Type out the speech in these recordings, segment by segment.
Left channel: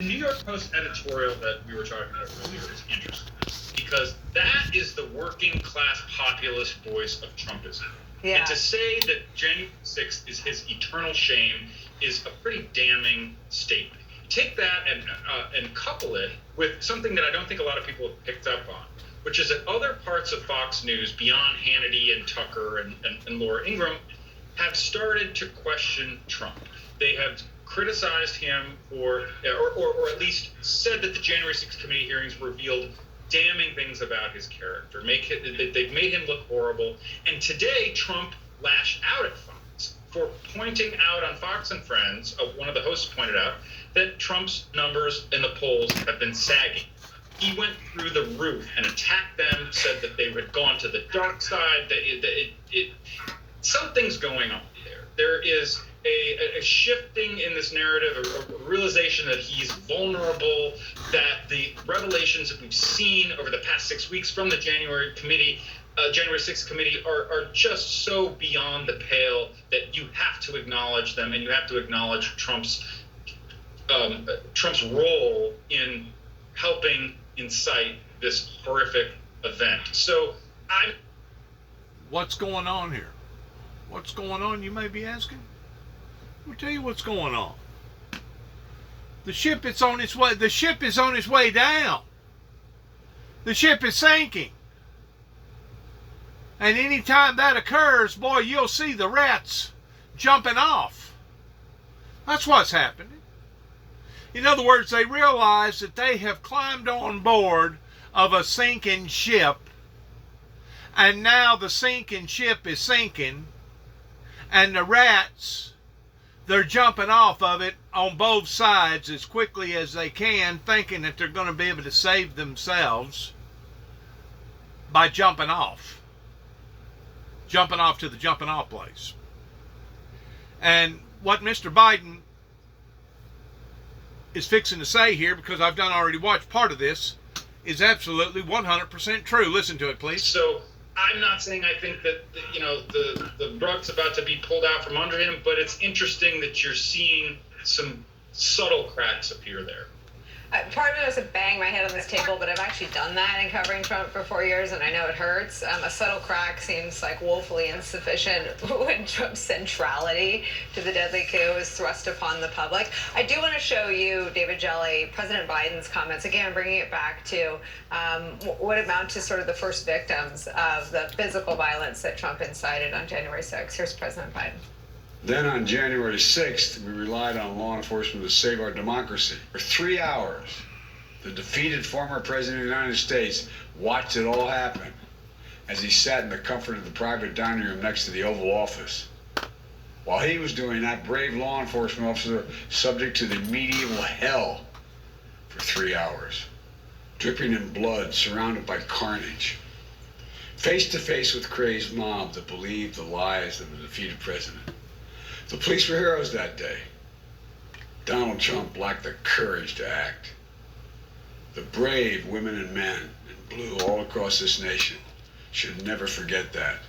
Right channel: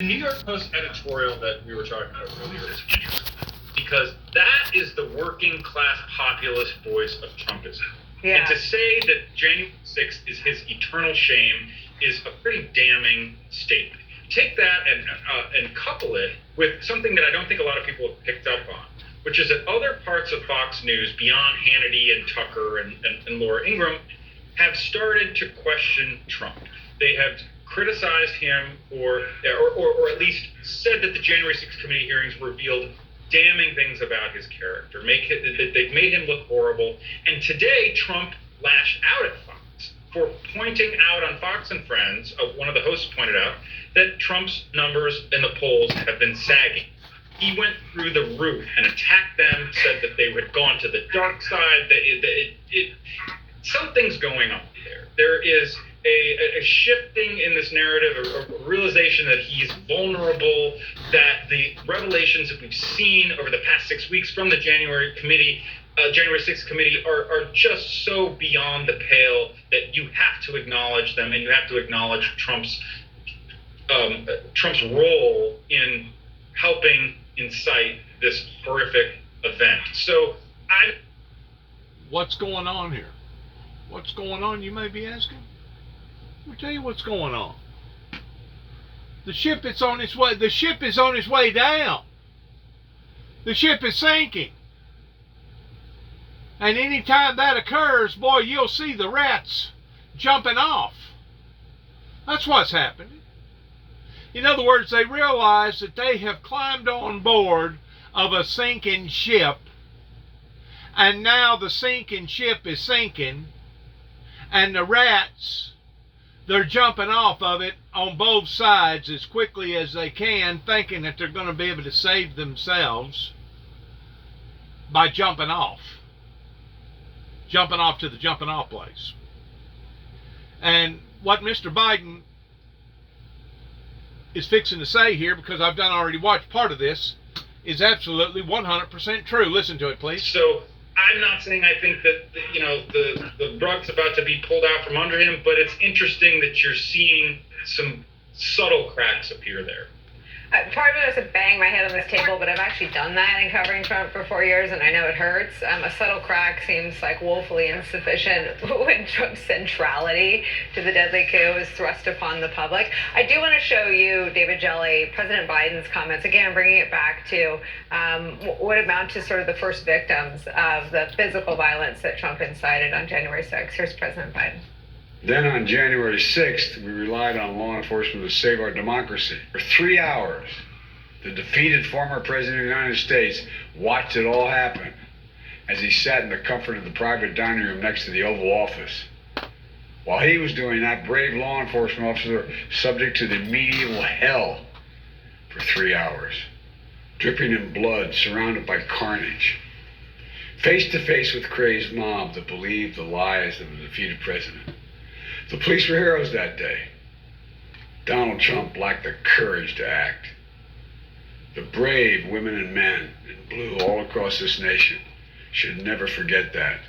The New York Post editorial that we were talking about earlier is interesting because that is the working class populist voice of Trumpism. Yeah. And to say that January 6th is his eternal shame is a pretty damning statement. Take that and couple it with something that I don't think a lot of people have picked up on, which is that other parts of Fox News, beyond Hannity and Tucker and Laura Ingraham, have started to question Trump. They have criticized him or at least said that the January 6th committee hearings revealed damning things about his character. They've made him look horrible. And today, Trump lashed out at Fox for pointing out on Fox and Friends, one of the hosts pointed out, that Trump's numbers in the polls have been sagging. He went through the roof and attacked them, said that they had gone to the dark side. Something's going on there. There is a shifting in this narrative, a realization that he's vulnerable, that the revelations that we've seen over the past 6 weeks from the January 6th committee are just so beyond the pale that you have to acknowledge them, and you have to acknowledge Trump's role in helping incite this horrific event. So what's going on here? What's going on, you may be asking? I'll tell you what's going on. The ship is on its way. The ship is on its way down. The ship is sinking. And anytime that occurs, boy, you'll see the rats jumping off. That's what's happening. In other words, they realize that they have climbed on board of a sinking ship, and now the sinking ship is sinking, and the rats, they're jumping off of it on both sides as quickly as they can, thinking that they're going to be able to save themselves by jumping off to the jumping off place. And what Mr. Biden is fixing to say here, because I've already watched part of this, is absolutely 100% true. Listen to it, please. So I'm not saying I think that the rug's about to be pulled out from under him, but it's interesting that you're seeing some subtle cracks appear there. Part of it is to bang my head on this table, but I've actually done that in covering Trump for 4 years, and I know it hurts. A subtle crack seems like woefully insufficient when Trump's centrality to the deadly coup is thrust upon the public. I do want to show you, David Jelly, President Biden's comments, again, bringing it back to what amount to sort of the first victims of the physical violence that Trump incited on January 6th. Here's President Biden. Then on January 6th, we relied on law enforcement to save our democracy. For 3 hours, the defeated former president of the United States watched it all happen as he sat in the comfort of the private dining room next to the Oval Office. While he was doing that, brave law enforcement officer subject to the medieval hell for 3 hours, dripping in blood, surrounded by carnage, face to face with crazed mob that believed the lies of the defeated president. The police were heroes that day. Donald Trump lacked the courage to act. The brave women and men in blue all across this nation should never forget that.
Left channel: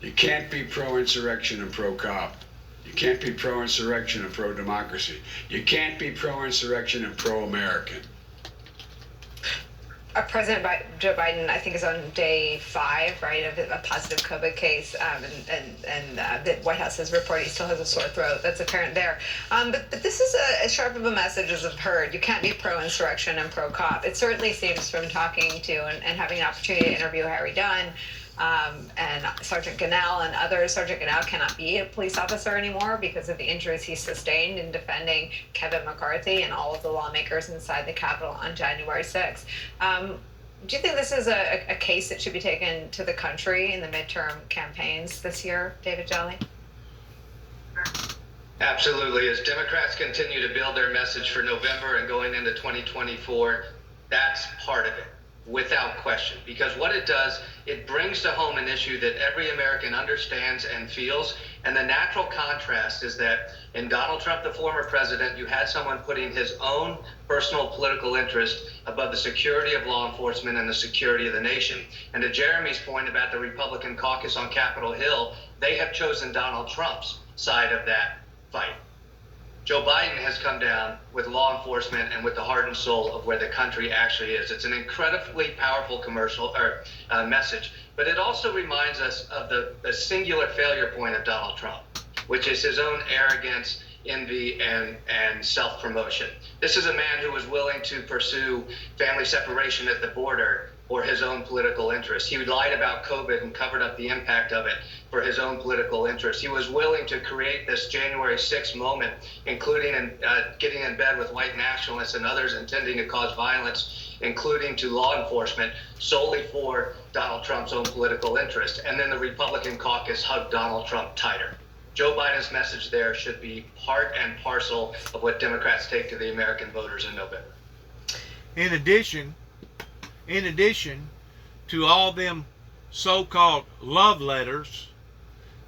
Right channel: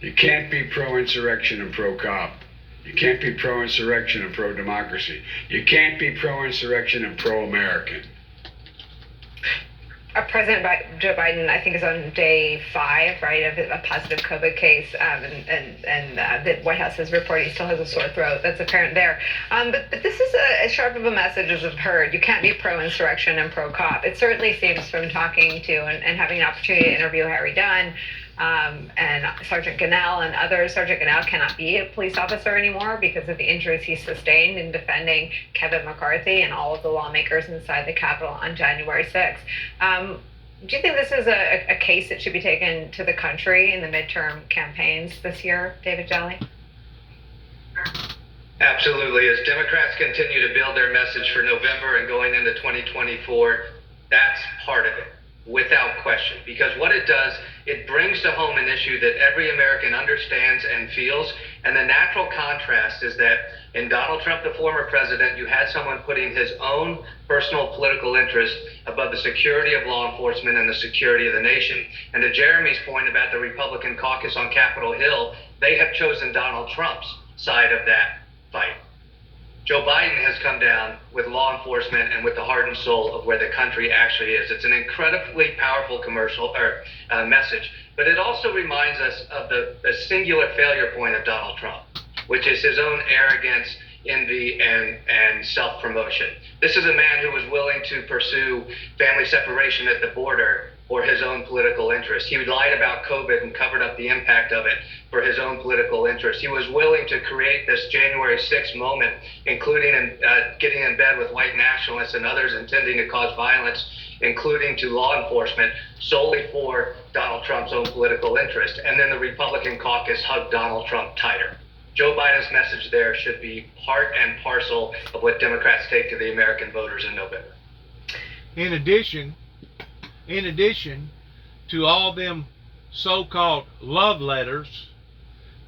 You can't be pro-insurrection and pro-cop. You can't be pro-insurrection and pro-democracy. You can't be pro-insurrection and pro-American. President Joe Biden, I think, is on day 5, right, of a positive COVID case, and the White House is reporting he still has a sore throat. That's apparent there. But this is as sharp of a message as I've heard. You can't be pro-insurrection and pro-cop. It certainly seems from talking to and having an opportunity to interview Harry Dunn, and Sergeant Gonell and others. Sergeant Gonell cannot be a police officer anymore because of the injuries he sustained in defending Kevin McCarthy and all of the lawmakers inside the Capitol on January 6th. Do you think this is a case that should be taken to the country in the midterm campaigns this year, David Jelly? Absolutely. As Democrats continue to build their message for November and going into 2024, that's part of it, without question. Because what it does, it brings to home an issue that every American understands and feels. And the natural contrast is that in Donald Trump, the former president, you had someone putting his own personal political interest above the security of law enforcement and the security of the nation. And to Jeremy's point about the Republican caucus on Capitol Hill, they have chosen Donald Trump's side of that fight. Joe Biden has come down with law enforcement and with the heart and soul of where the country actually is. It's an incredibly powerful commercial or message, but it also reminds us of the singular failure point of Donald Trump, which is his own arrogance, envy, and self-promotion. This is a man who was willing to pursue family separation at the border for his own political interest. He lied about COVID and covered up the impact of it for his own political interest. He was willing to create this January 6th moment, including getting in bed with white nationalists and others intending to cause violence, including to law enforcement, solely for Donald Trump's own political interest. And then the Republican caucus hugged Donald Trump tighter. Joe Biden's message there should be part and parcel of what Democrats take to the American voters in November. In addition to all them so-called love letters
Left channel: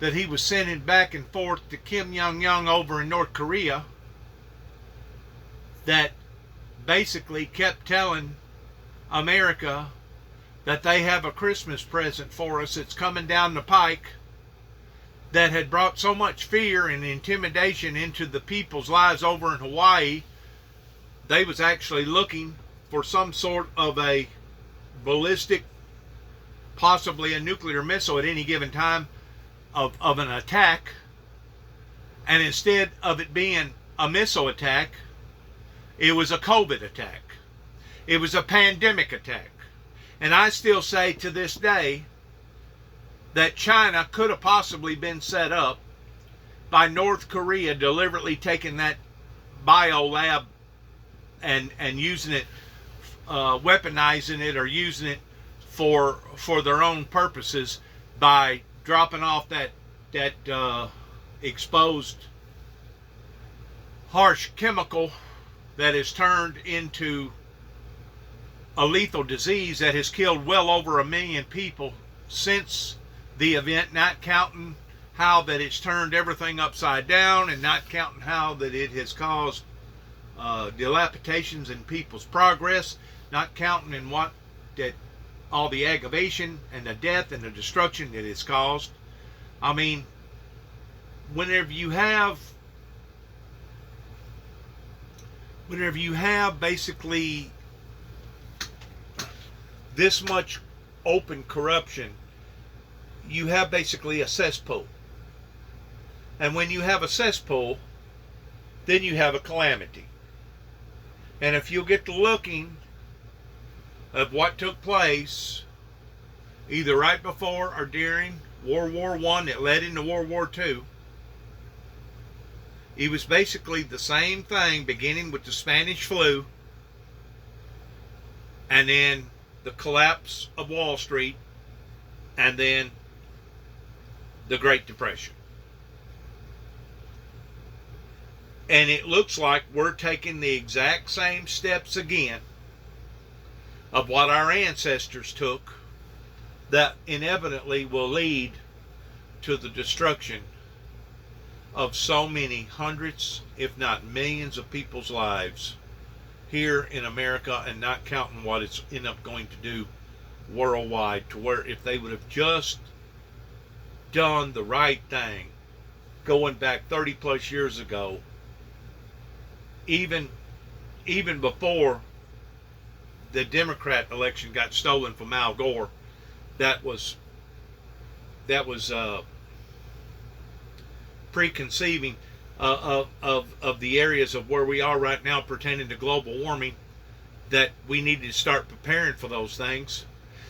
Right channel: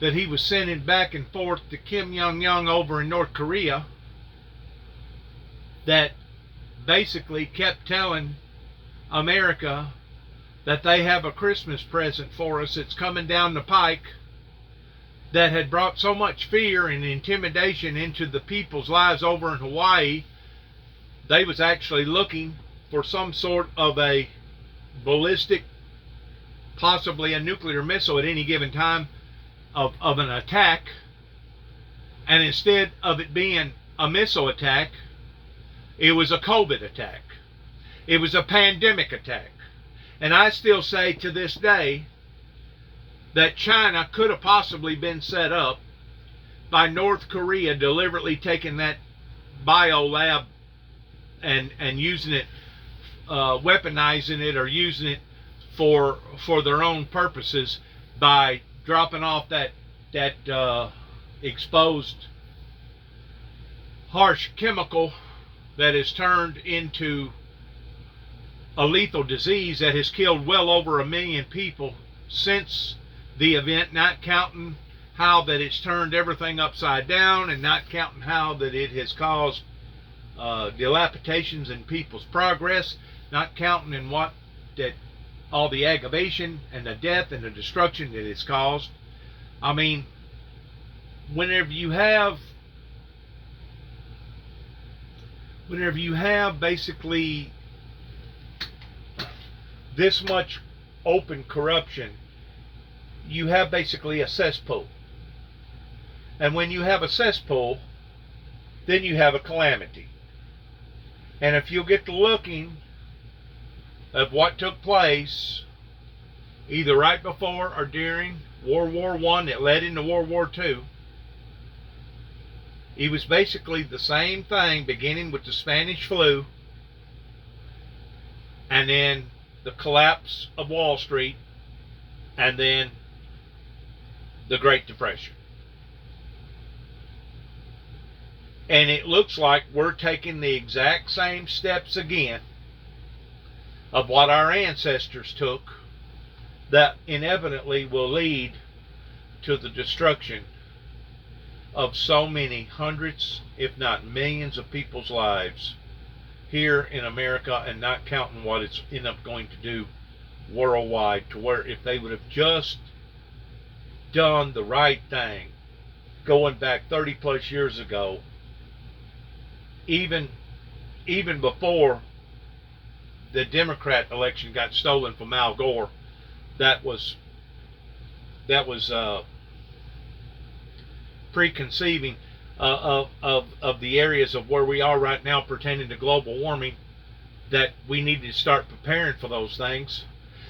that he was sending back and forth to Kim Jong-un over in North Korea, that basically kept telling America that they have a Christmas present for us that's coming down the pike, that had brought so much fear and intimidation into the people's lives over in Hawaii. They was actually looking for some sort of a ballistic, possibly a nuclear missile at any given time of an attack. And instead of it being a missile attack, it was a COVID attack. It was a pandemic attack. And I still say to this day that China could have possibly been set up by North Korea deliberately taking that bio lab and using it, weaponizing it, or using it for their own purposes by dropping off that exposed harsh chemical that has turned into a lethal disease that has killed well over 1 million people since the event, not counting how that it's turned everything upside down, and not counting how that it has caused dilapidations in people's progress, not counting in what that all the aggravation and the death and the destruction that it's caused. I mean, whenever you have basically this much open corruption, you have basically a cesspool. And when you have a cesspool, then you have a calamity. And if you get to looking at what took place either right before or during World War I that led into World War II, it was basically the same thing, beginning with the Spanish flu, and then the collapse of Wall Street, and then the Great Depression. And it looks like we're taking the exact same steps again of what our ancestors took, that inevitably will lead to the destruction of so many hundreds, if not millions, of people's lives here in America, and not counting what it's end up going to do worldwide, to where if they would have just done the right thing going back 30 plus years ago, even before the Democrat election got stolen from Al Gore, that was preconceiving of the areas of where we are right now pertaining to global warming, that we need to start preparing for those things.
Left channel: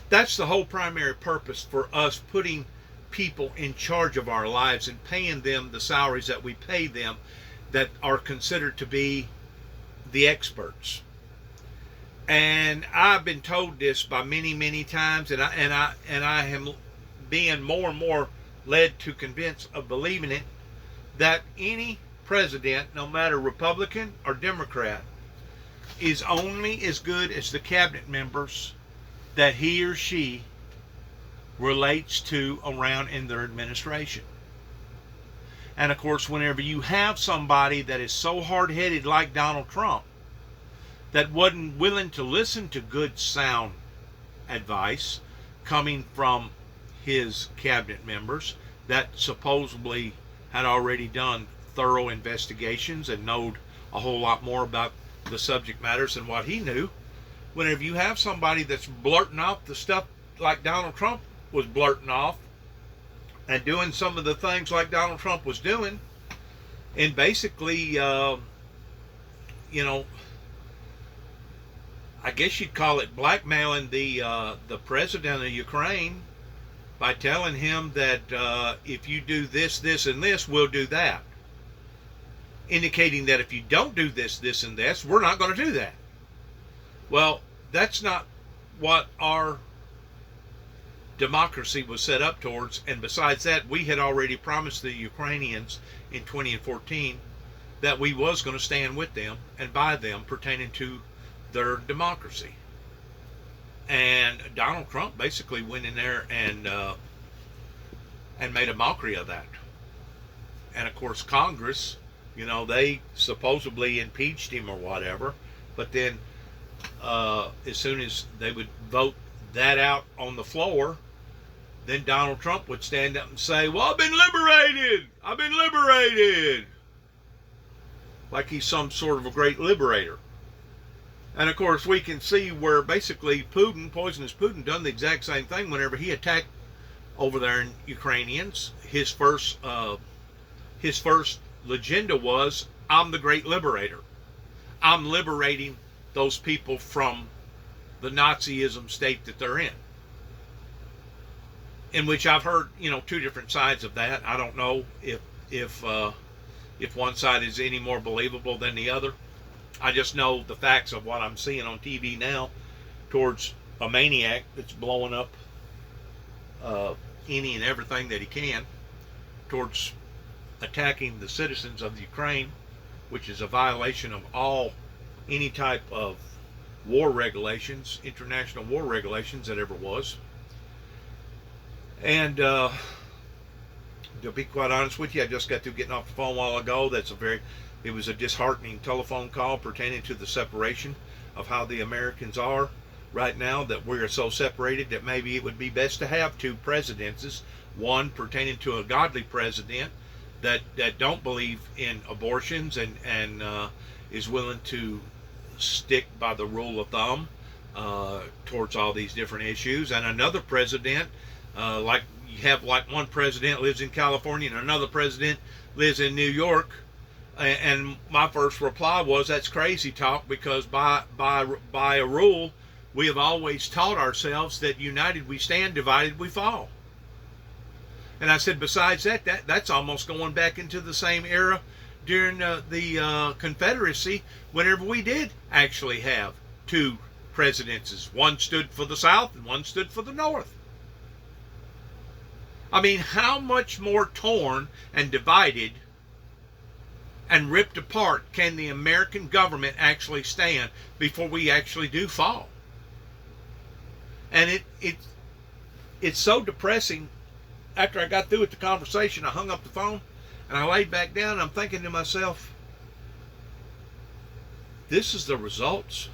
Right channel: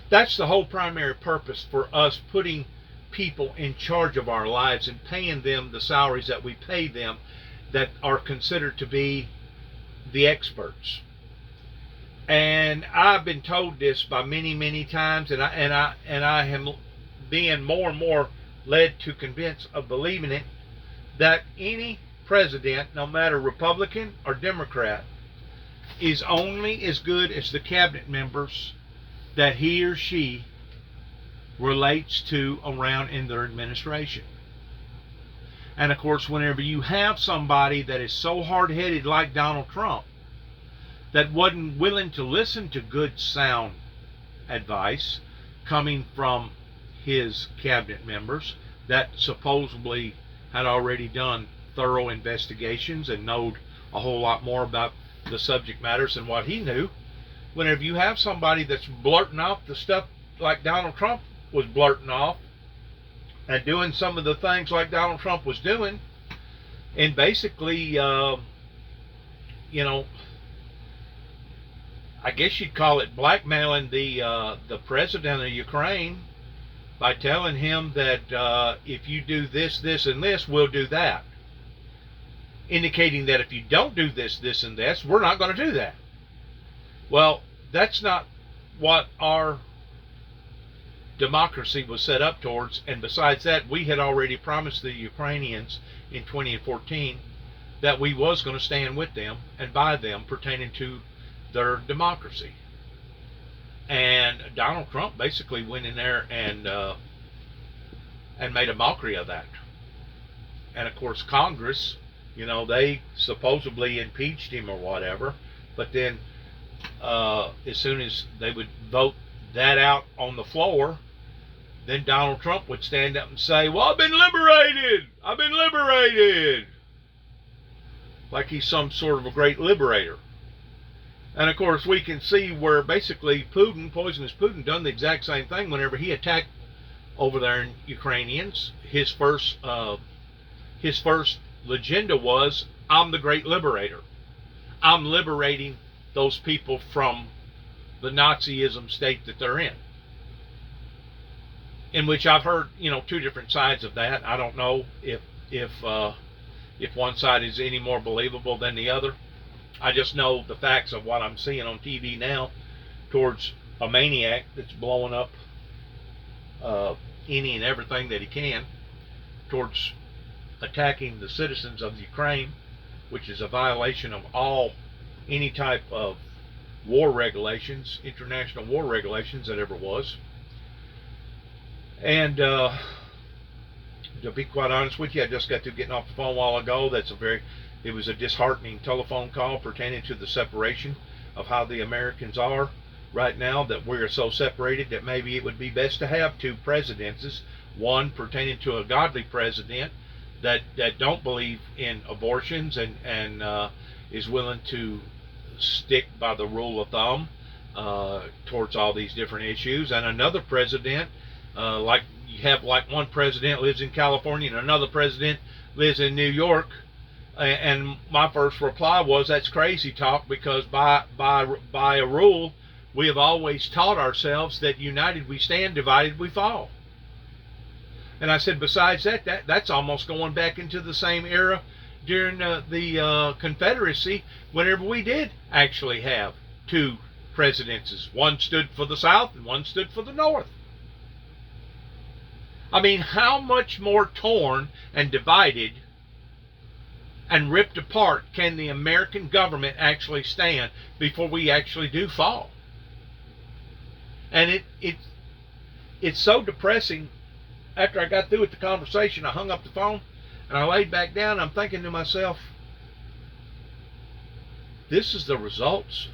That's the whole primary purpose for us putting people in charge of our lives and paying them the salaries that we pay them, that are considered to be the experts. And I've been told this by many times, and I am being more and more led to convince of believing it, that any president, no matter Republican or Democrat, is only as good as the cabinet members that he or she relates to around in their administration. And of course, whenever you have somebody that is so hard-headed like Donald Trump, that wasn't willing to listen to good, sound advice coming from his cabinet members that supposedly had already done thorough investigations and knowed a whole lot more about the subject matters than what he knew. Whenever you have somebody that's blurting out the stuff like Donald Trump was blurting off and doing some of the things like Donald Trump was doing, and basically, I guess you'd call it blackmailing the president of Ukraine by telling him that if you do this, this, and this, we'll do that. Indicating that if you don't do this, this, and this, we're not going to do that. Well, that's not what our democracy was set up towards. And besides that, we had already promised the Ukrainians in 2014 that we was going to stand with them and by them pertaining to their democracy. And Donald Trump basically went in there and made a mockery of that. And of course, Congress, they supposedly impeached him or whatever, but then as soon as they would vote that out on the floor, then Donald Trump would stand up and say, well, I've been liberated, like he's some sort of a great liberator. And of course, we can see where basically poisonous Putin, done the exact same thing whenever he attacked over there in Ukrainians. His first legenda was, I'm the great liberator. I'm liberating those people from the Nazism state that they're in. In which I've heard, two different sides of that. I don't know if one side is any more believable than the other. I just know the facts of what I'm seeing on TV now towards a maniac that's blowing up any and everything that he can, towards attacking the citizens of Ukraine, which is a violation of any type of war regulations, international war regulations that ever was. And to be quite honest with you, I just got through getting off the phone a while ago. It was a disheartening telephone call pertaining to the separation of how the Americans are right now, that we're so separated that maybe it would be best to have two presidencies, one pertaining to a godly president that don't believe in abortions and is willing to stick by the rule of thumb towards all these different issues, and another president, like you have like one president lives in California and another president lives in New York. And my first reply was, that's crazy talk, because by a rule, we have always taught ourselves that united we stand, divided we fall. And I said, besides that's almost going back into the same era during the Confederacy, whenever we did actually have two presidencies. One stood for the South and one stood for the North. I mean, how much more torn and divided and ripped apart can the American government actually stand before we actually do fall? And it's so depressing. After I got through with the conversation, I hung up the phone and I laid back down and I'm thinking to myself, this is the results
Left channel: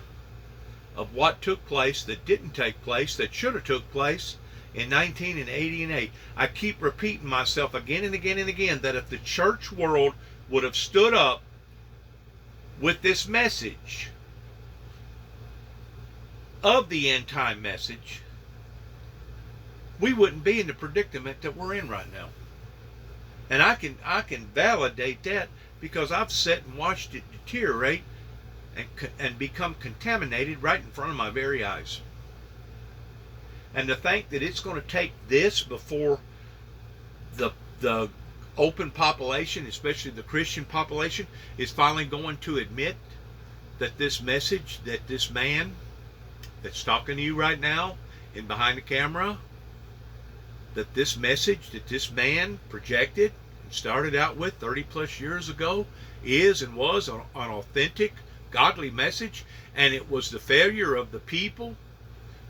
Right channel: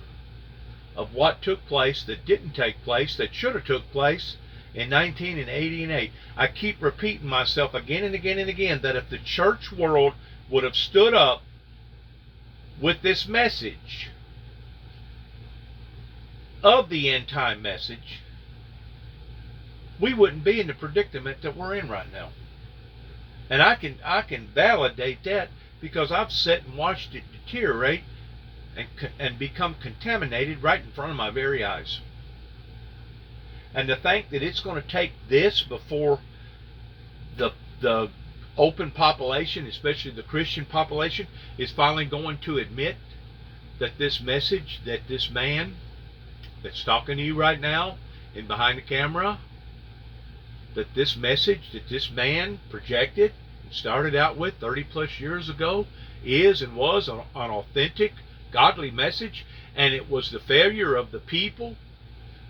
of what took place that didn't take place, that should have took place in 1988. I keep repeating myself again and again and again that if the church world would have stood up with this message of the end time message, we wouldn't be in the predicament that we're in right now. And I can validate that because I've sat and watched it deteriorate and become contaminated right in front of my very eyes. And to think that it's going to take this before the open population, especially the Christian population, is finally going to admit that this message, that this man that's talking to you right now and behind the camera, that this message that this man projected and started out with 30 plus years ago is and was an authentic, godly message, and it was the failure of the people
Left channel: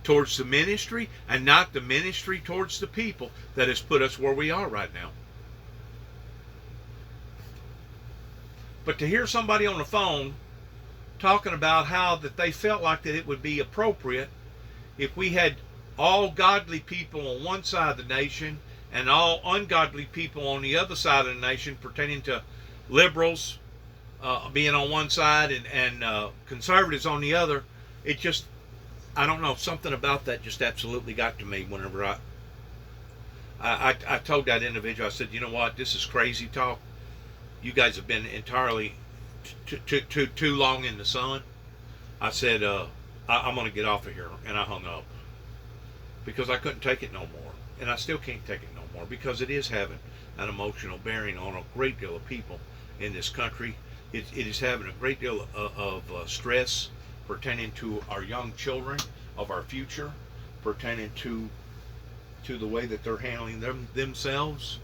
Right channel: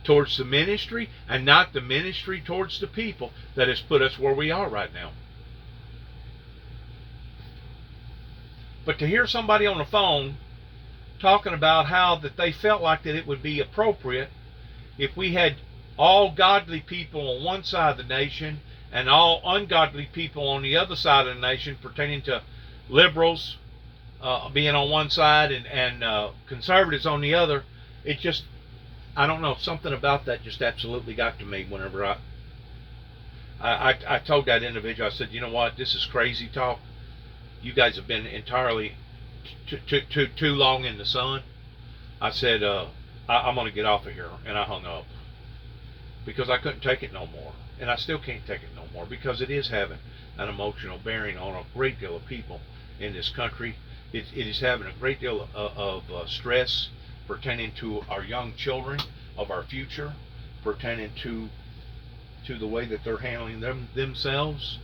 towards the ministry and not the ministry towards the people that has put us where we are right now. But to hear somebody on the phone talking about how that they felt like that it would be appropriate if we had all godly people on one side of the nation and all ungodly people on the other side of the nation pertaining to liberals being on one side and conservatives on the other. It just, I don't know, something about that just absolutely got to me whenever I told that individual, I said, you know what, this is crazy talk. You guys have been entirely too long in the sun. I said, I'm going to get off of here. And I hung up because I couldn't take it no more. And I still can't take it no more because it is having an emotional bearing on a great deal of people in this country. It is having a great deal of stress pertaining to our young children, of our future, pertaining to the way that they're handling themselves.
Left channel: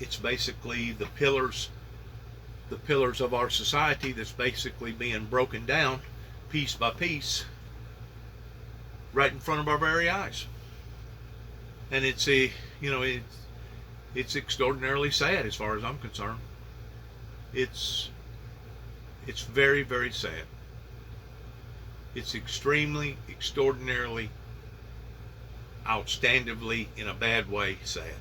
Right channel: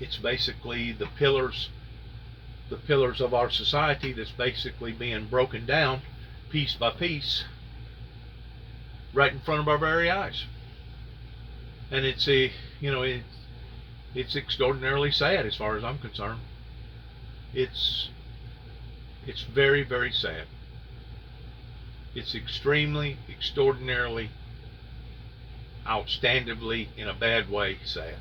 It's basically the pillars of our society that's basically being broken down piece by piece right in front of our very eyes. And it's it's extraordinarily sad as far as I'm concerned. It's very, very sad. It's extremely, extraordinarily, outstandingly, in a bad way, sad.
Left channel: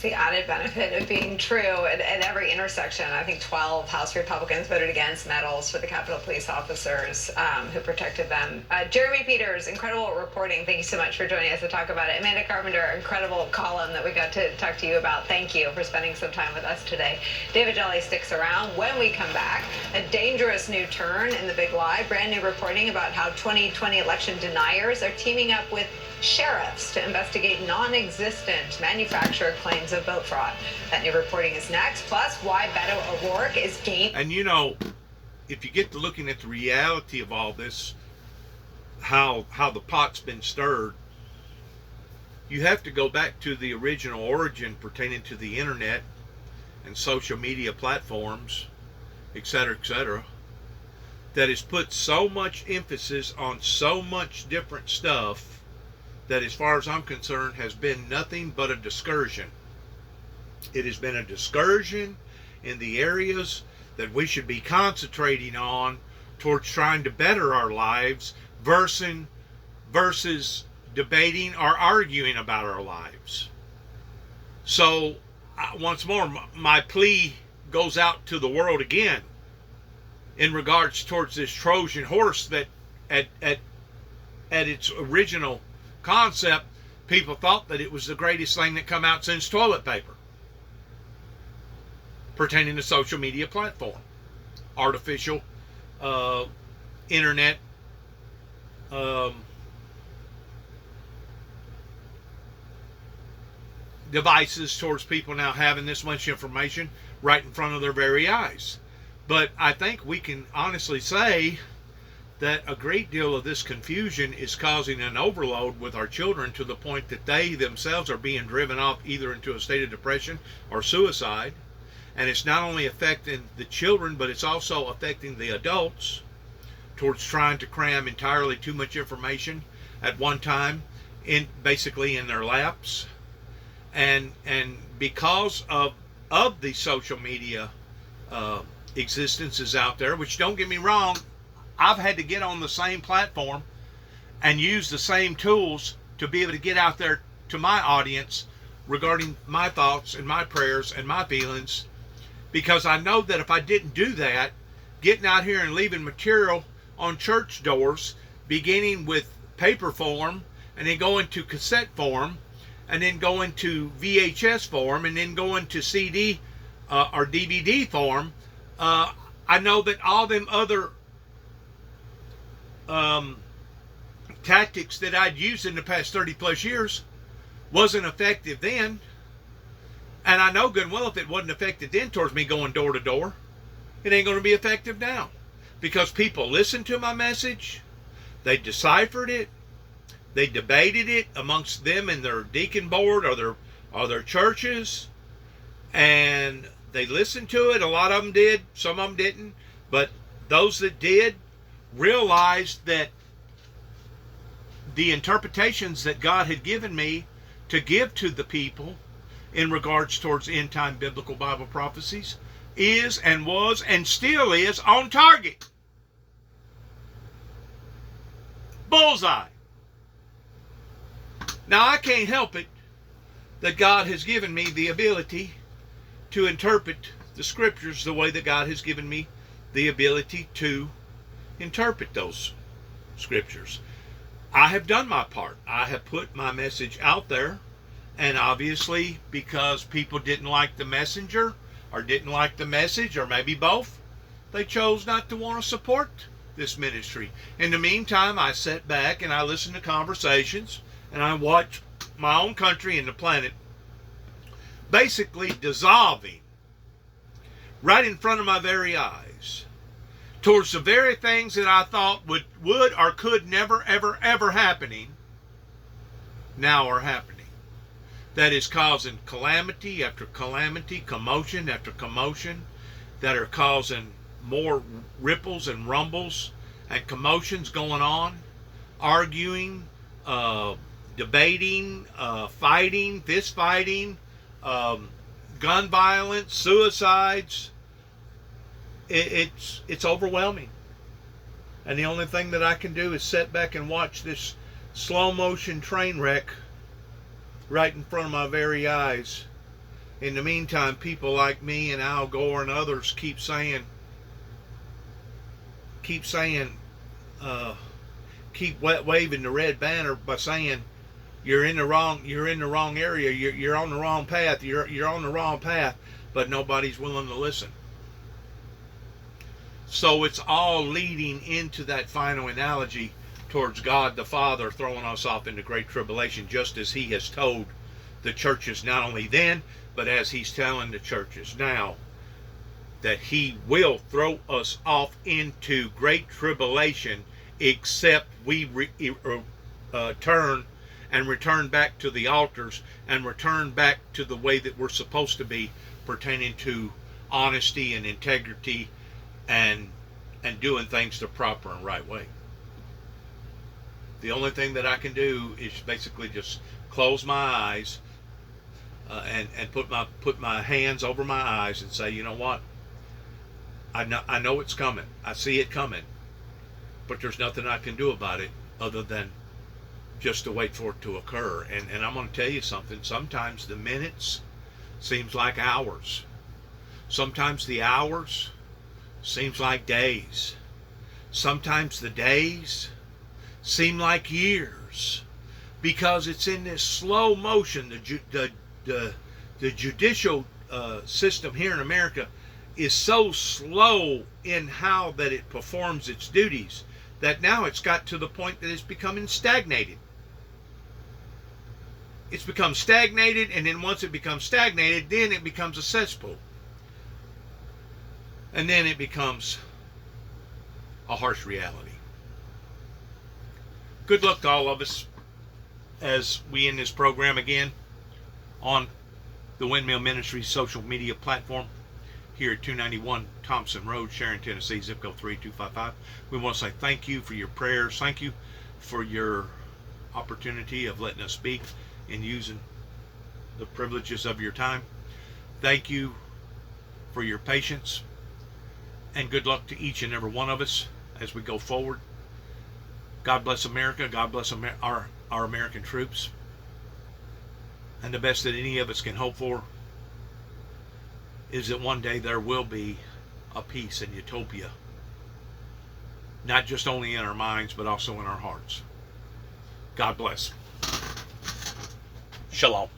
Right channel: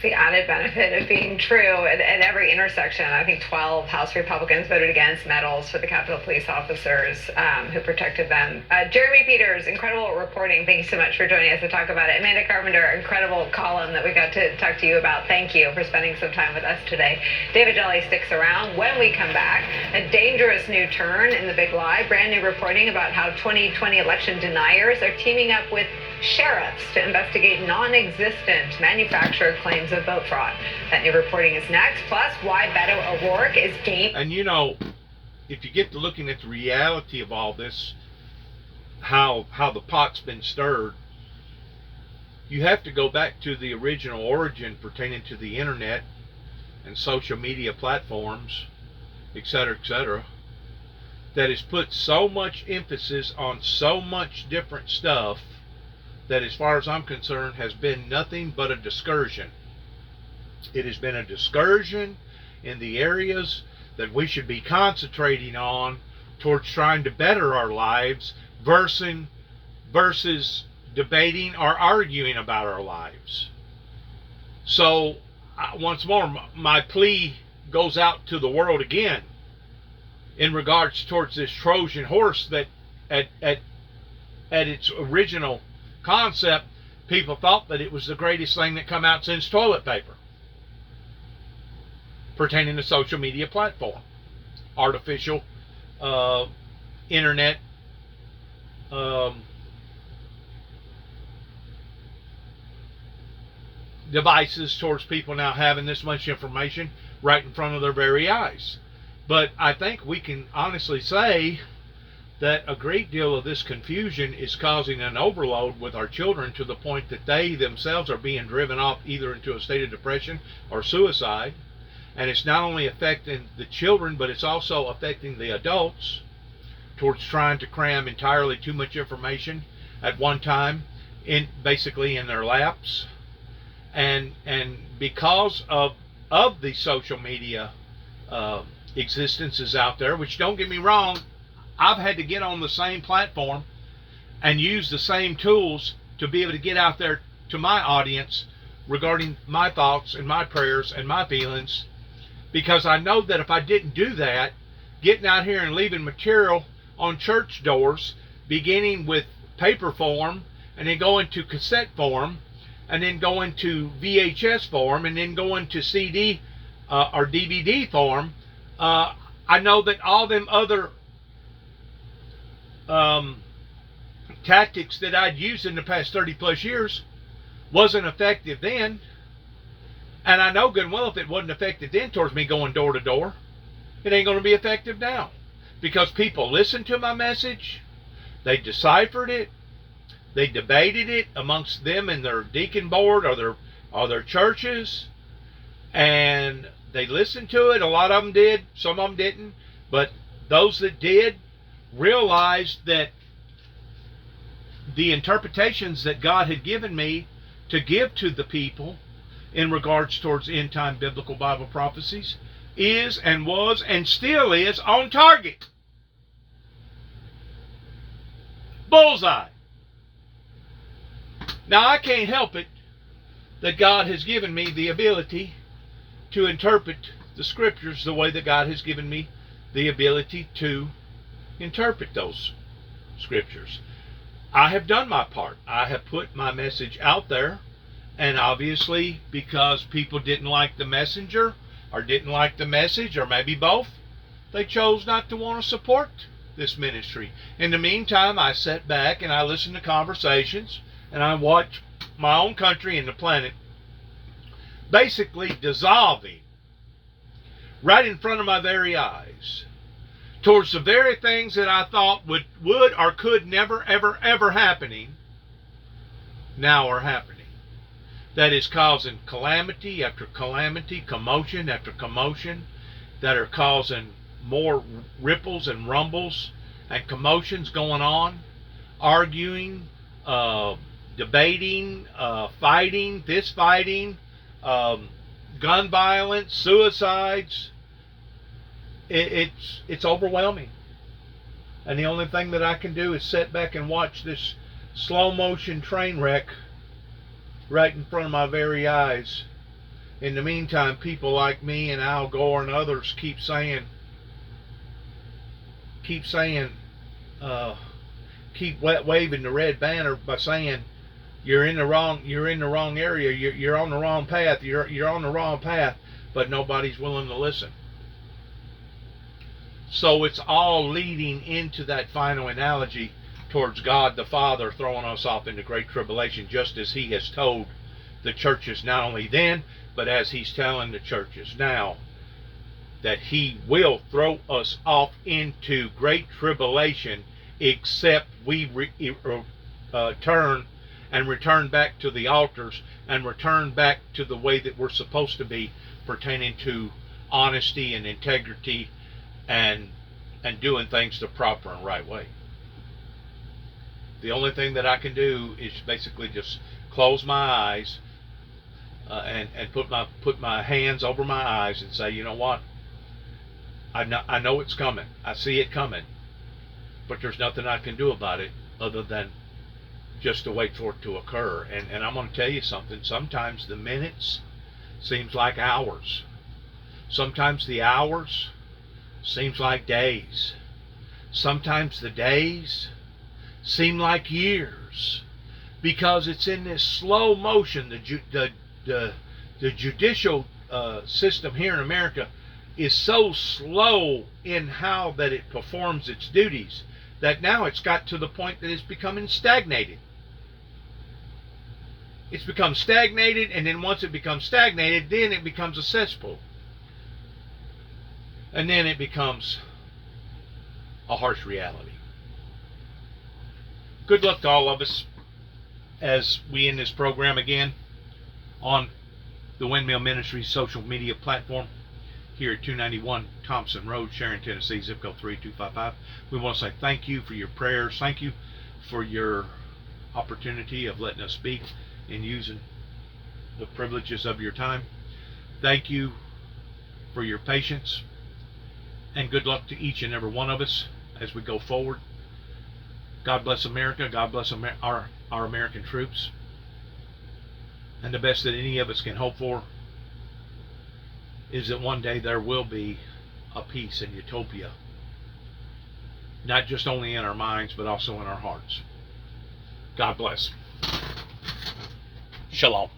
The added benefit of being true at every intersection. I think 12 House Republicans voted against medals for the Capitol Police officers who protected them. Jeremy Peters, incredible reporting. Thank you so much for joining us to talk about it. Amanda Carpenter, incredible column that we got to talk to you about. Thank you for spending some time with us today. David Jelly sticks around. When we come back, a dangerous new turn in the big lie. Brand new reporting about how 2020 election deniers are teaming up with sheriffs to investigate non-existent manufacturer claims of vote fraud. That new reporting is next. Plus, why Beto O'Rourke is game. And you know, if you get to looking at the reality of all this, how the pot's been stirred, you have to go back to the original origin pertaining to the internet and social media platforms, etc., that has put so much emphasis on so much different stuff that, as far as I'm concerned, has been nothing but a discursion. It has been a discursion in the areas that we should be concentrating on towards trying to better our lives versus debating or arguing about our lives. So, once more, my plea goes out to the world again in regards towards this Trojan horse that at its original concept, people thought that it was the greatest thing that come out since toilet paper pertaining to social media platform, artificial internet devices towards people now having this much information right in front of their very eyes. But I think we can honestly say that a great deal of this confusion is causing an overload with our children to the point that they themselves are being driven off either into a state of depression or suicide. And it's not only affecting the children, but it's also affecting the adults towards trying to cram entirely too much information at one time basically in their laps. And because of the social media existences out there, which, don't get me wrong, I've had to get on the same platform and use the same tools to be able to get out there to my audience regarding my thoughts and my prayers and my feelings, because I know that if I didn't do that, getting out here and leaving material on church doors, beginning with paper form and then going to cassette form and then going to VHS form and then going to CD or DVD form, I know that all them other tactics that I'd used in the past 30 plus years wasn't effective then. And I know good and well if it wasn't effective then towards me going door to door, it ain't going to be effective now. Because people listened to my message, they deciphered it, they debated it amongst them and their deacon board or their churches, and they listened to it. A lot of them did, some of them didn't, but those that did realized that the interpretations that God had given me to give to the people in regards towards end-time biblical Bible prophecies is and was and still is on target. Bullseye. Now, I can't help it that God has given me the ability to interpret the scriptures the way that God has given me the ability to interpret those scriptures. I have done my part. I have put my message out there, and obviously because people didn't like the messenger or didn't like the message, or maybe both, they chose not to want to support this ministry. In the meantime, I sat back and I listened to conversations, and I watched my own country and the planet basically dissolving right in front of my very eyes towards the very things that I thought would or could never, ever, ever happening, now are happening. That is causing calamity after calamity, commotion after commotion, that are causing more ripples and rumbles and commotions going on, arguing, debating, fighting, fist fighting, gun violence, suicides. It's overwhelming. And the only thing that I can do is sit back and watch this slow motion train wreck right in front of my very eyes. In the meantime, people like me and Al Gore and others keep waving the red banner by saying, you're in the wrong area, you're on the wrong path, you're on the wrong path, but nobody's willing to listen. So it's all leading into that final analogy towards God the Father throwing us off into great tribulation, just as he has told the churches not only then, but as he's telling the churches now, that he will throw us off into great tribulation except we turn and return back to the altars and return back to the way that we're supposed to be, pertaining to honesty and integrity and doing things the proper and right way. The only thing that I can do is basically just close my eyes and put my hands over my eyes and say, you know what? I know it's coming. I see it coming. But there's nothing I can do about it other than just to wait for it to occur. And I'm going to tell you something. Sometimes the minutes seems like hours. Sometimes the hours seems like days. Sometimes the days seem like years, because it's in this slow motion. The judicial system here in America is so slow in how that it performs its duties that now it's got to the point that it's becoming stagnated. It's become stagnated, and then once it becomes stagnated, then it becomes a cesspool. And then it becomes a harsh reality. Good luck to all of us as we end this program again on the Windmill Ministries social media platform here at 291 Thompson Road, Sharon, Tennessee, zip code 38255. We want to say thank you for your prayers. Thank you for your opportunity of letting us speak and using the privileges of your time. Thank you for your patience, and good luck to each and every one of us as we go forward. God bless America. God bless our American troops. And the best that any of us can hope for is that one day there will be a peace and utopia, not just only in our minds, but also in our hearts. God bless. Shalom.